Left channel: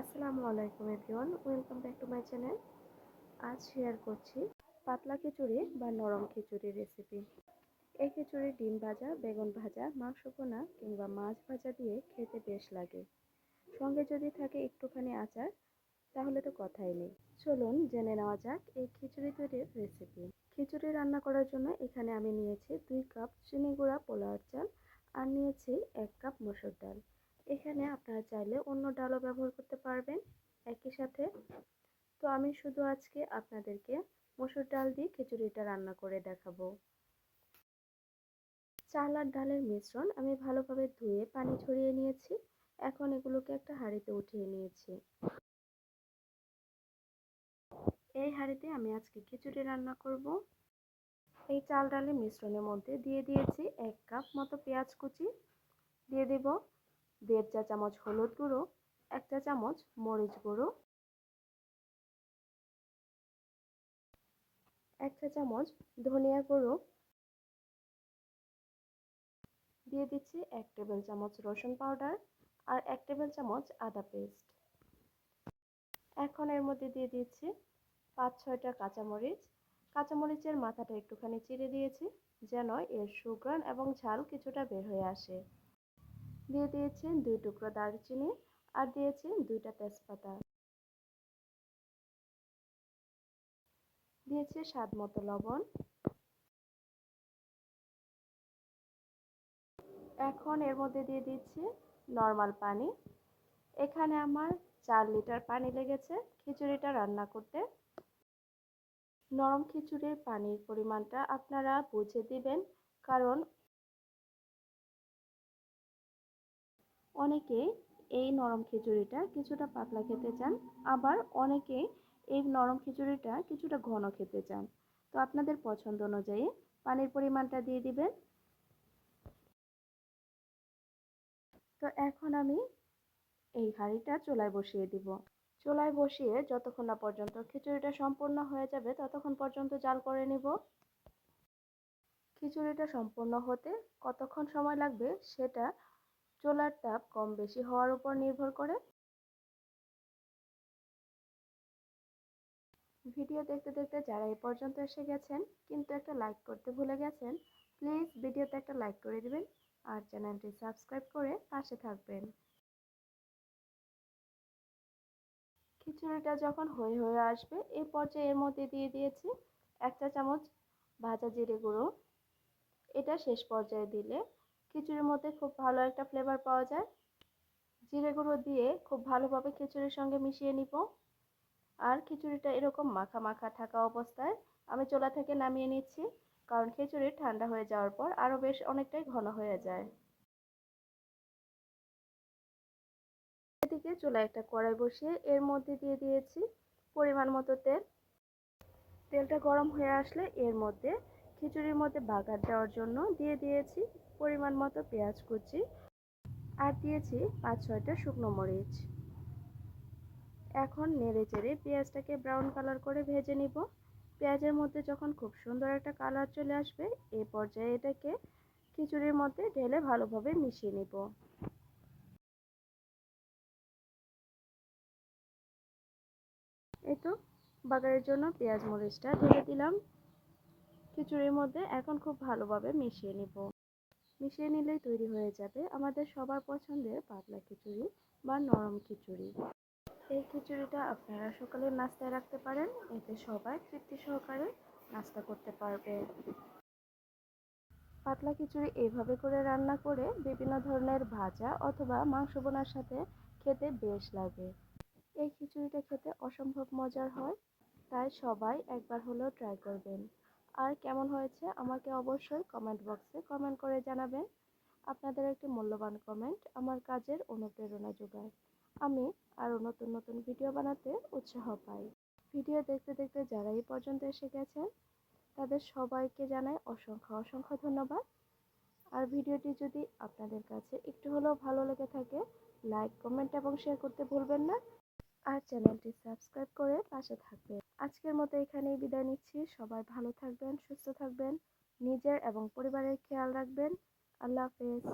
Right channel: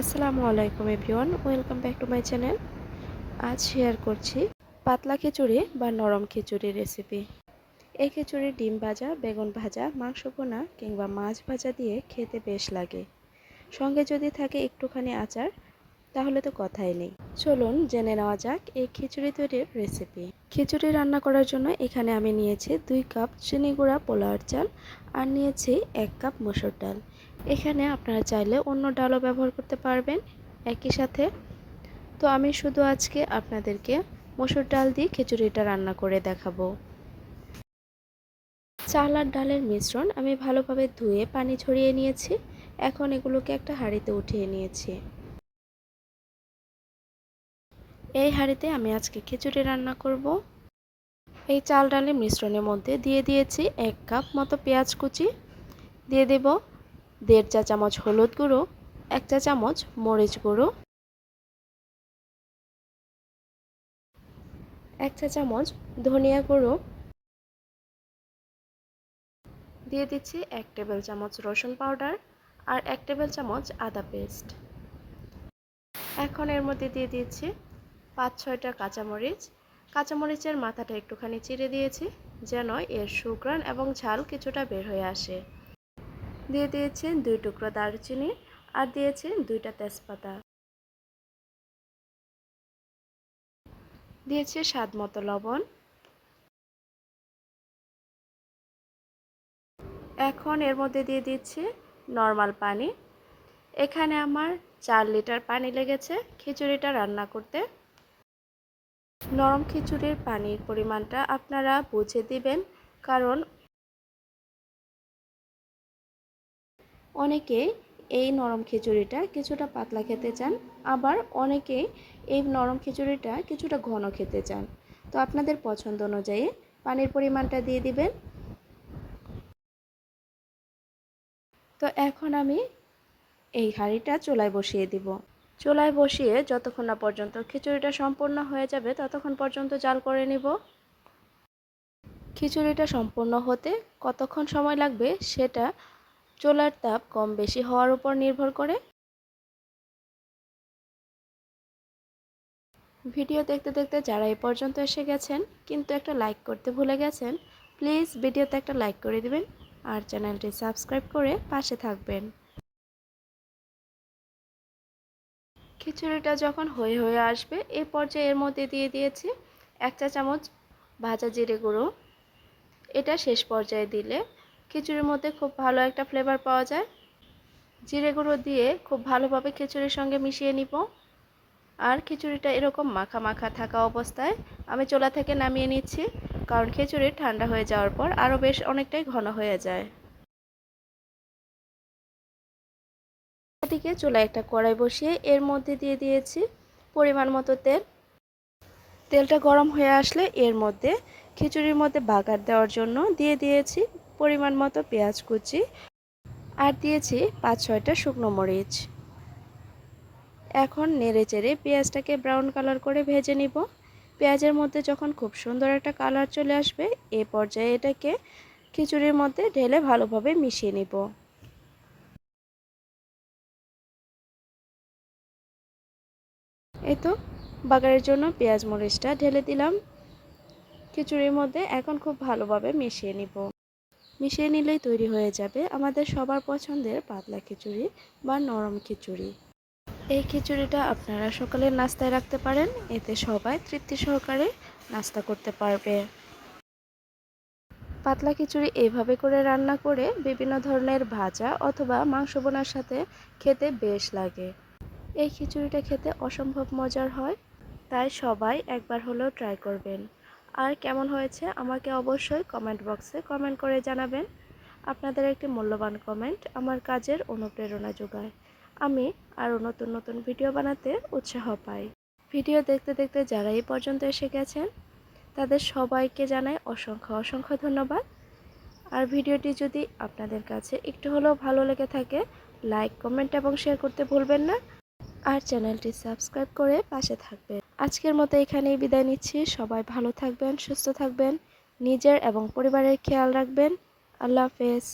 আসসালামু আলাইকুম everyone, welcome back to my channel. আজ শেয়ার করছি পাতলা খিচুড়ি বা নরম খিচুড়ি রেসিপি। এই খিচুড়ি ডিম ভাজা, বেগুন ভাজা, মাংস পোনা কিংবা মাছ ভাজা দিয়ে খেতে বেশ লাগে। সঙ্গে যদি থাকে একটুখানি আচার, তাহলে তো কথাই নেই। চলুন জেনে নেওয়া যাক এই খিচুড়ি তৈরির রেসিপি। খিচুড়ি রান্না করার জন্য এখানে আমি নিয়েছি দুই কাপ চিনি গুঁড়া পোলাওয়ার চাল আর নিয়েছি এক কাপ মসুর ডাল। এখানে আপনারা চাইলে অন্য ডালও ব্যবহার করতে পারবেন একই সাথে। তো আমি শুধু আজকে আপনাদেরকে মসুর ডাল দিয়ে খিচুড়িটা রান্না করে দেখাবো। চাল আর ডালের মিশ্রণ আমি ভালোভাবে ধুয়ে পানি ছড়িয়ে নিয়েছি। এখন এগুলোকে একটা হাঁড়িতে উঠিয়ে নিয়েছি। এই হাঁড়িতে আমি আজকে খিচুড়ি রান্না করব। এই চাল ডালের মিশ্রণের মধ্যে দিয়ে দিয়েছি এক কাপ মতো পেঁয়াজ কুচি। দিয়ে দেব দেড় চা চামচ হলুদ গুঁড়ো, এক চা চামচ মরিচ গুঁড়ো, এক চা চামচ ধনিয়া গুঁড়ো। দিয়ে দিচ্ছি এক টেবিল চামচ রসুন পাউডার আর এক টেবিল চামচ আদা পেস্ট। এখন এর মধ্যে দিয়ে দিচ্ছি পাঁচ ছয়টা কাঁচামরিচ। কাঁচামরিচের মাথাটা একটুখানি চিড়ে দিয়েছি, যেন এর সুগ্রান এবং ঝাল কিছুটা বের হয়ে আসে। দিয়ে দিয়েছি দুই টুকরো দারুচিনি আর দিয়েছি দুইটা তেজপাতা। দিয়েছি স্বাদ মতো লবণ। এখন এর মধ্যে দিয়ে দিচ্ছি নর্মাল পানি। এখানে আমার চার লিটার পানি লেগেছে খিচুড়িটা রান্না করতে। নরম খিচুড়ির পানির পরিমাণটা আপনারা বুঝে দিবেন, কারণ অনেকে এই নরম খিচুড়িটা কিছুটা পাতলা খেতে চান, আবার অনেকে এই নরম খিচুড়িটা কিছুটা ঘন খেতে চান। তো আপনাদের পছন্দ অনুযায়ী পানির পরিমাণটা দিয়ে দিবেন। তো এখন আমি এই হাঁড়িটা চুলায় বসিয়ে দিব। চুলায় বসিয়ে যতক্ষণ না পর্যন্ত খিচুড়িটা সম্পূর্ণ হয়ে যাবে, ততক্ষণ পর্যন্ত জাল করে নিব। খিচুড়িটা সম্পূর্ণ হতে কতক্ষণ সময় লাগবে সেটা চুলার তাপ কম বেশি হওয়ার উপর নির্ভর করে। ভিডিও দেখতে দেখতে যারা এই পর্যন্ত এসে গেছেন, কিন্তু একটা লাইক করতে ভুলে গেছেন প্লিজ ভিডিওতে একটা লাইক করে দিবেন আর চ্যানেলটি সাবস্ক্রাইব করে পাশে থাকবেন। খিচুড়িটা যখন হয়ে হয়ে আসবে এই পর্যায়ে এর মধ্যে দিয়ে দিয়েছি এক চা চামচ ভাজা জিরে গুঁড়ো। এটা শেষ পর্যায়ে দিলে খিচুড়ির মধ্যে খুব ভালো একটা ফ্লেভার পাওয়া যায়। জিরে গুঁড়ো দিয়ে খুব ভালোভাবে খিচুড়ির সঙ্গে মিশিয়ে নিব। আর খিচুড়িটা এরকম মাখা মাখা থাকা অবস্থায় আমি চোলা থেকে নামিয়ে নিচ্ছি, কারণ খিচুড়ি ঠান্ডা হয়ে যাওয়ার পর আরও বেশ অনেকটাই ঘন হয়ে যায়। এদিকে চুলা একটা কড়াই বসিয়ে এর মধ্যে দিয়ে দিয়েছি পরিমাণ মতো তেল। তেলটা গরম হয়ে আসলে এর মধ্যে খিচুড়ির মধ্যে বাগার দেওয়ার জন্য দিয়ে দিয়েছি পরিমাণ মতো পেঁয়াজ কুচি আর দিয়েছি পাঁচ ছয়টা শুকনো মরিচ। এখন নেড়ে চেড়ে পেঁয়াজটাকে ব্রাউন কালার করে ভেজে নিব। পেঁয়াজের মধ্যে যখন খুব সুন্দর একটা কালার চলে আসবে, এ পর্যায়ে এটাকে খিচুড়ির মধ্যে ঢেলে ভালোভাবে মিশিয়ে নিব। এই তো বাগারের জন্য পেঁয়াজ মরিচটা ঢেলে দিলাম। খিচুড়ির মধ্যে এখন খুব ভালোভাবে মিশিয়ে নিব। মিশিয়ে নিলেই তৈরি হয়ে যাবে আমাদের সবার পছন্দের পাতলা খিচুড়ি বা নরম খিচুড়ি। এই খিচুড়িটা আপনারা সকালের নাস্তায় রাখতে পারেন, এতে সবাই তৃপ্তি সহকারে নাস্তা করতে পারবে। পাতলা খিচুড়ি এইভাবে করে রান্না করে বিভিন্ন ধরনের ভাজা অথবা মাংস বোনার সাথে খেতে বেশ লাগে। এই খিচুড়িটা খেতে অসম্ভব মজার হয়, তাই সবাই একবার হলেও ট্রাই করবেন। আর কেমন হয়েছে আমাকে অবশ্যই কমেন্ট বক্সে কমেন্ট করে জানাবেন। আপনাদের একটি মূল্যবান কমেন্ট আমার কাজের অনুপ্রেরণা যোগায়। আমি আরও নতুন নতুন ভিডিও বানাতে উৎসাহ পাই। ভিডিও দেখতে দেখতে যারা এই পর্যন্ত এসে গেছেন, তাদের সবাইকে জানাই অসংখ্য অসংখ্য ধন্যবাদ। আর ভিডিওটি যদি আপনাদের কাছে একটু হলেও ভালো লেগে থাকে লাইক কমেন্ট এবং শেয়ার করতে ভুলবেন না। আর চ্যানেলটি সাবস্ক্রাইব করে পাশে থাকবেন। আজকের মতো এখানেই বিদায় নিচ্ছি। সবাই ভালো থাকবেন, সুস্থ থাকবেন, নিজের এবং পরিবারের খেয়াল রাখবেন। আল্লাহ হাফেজ।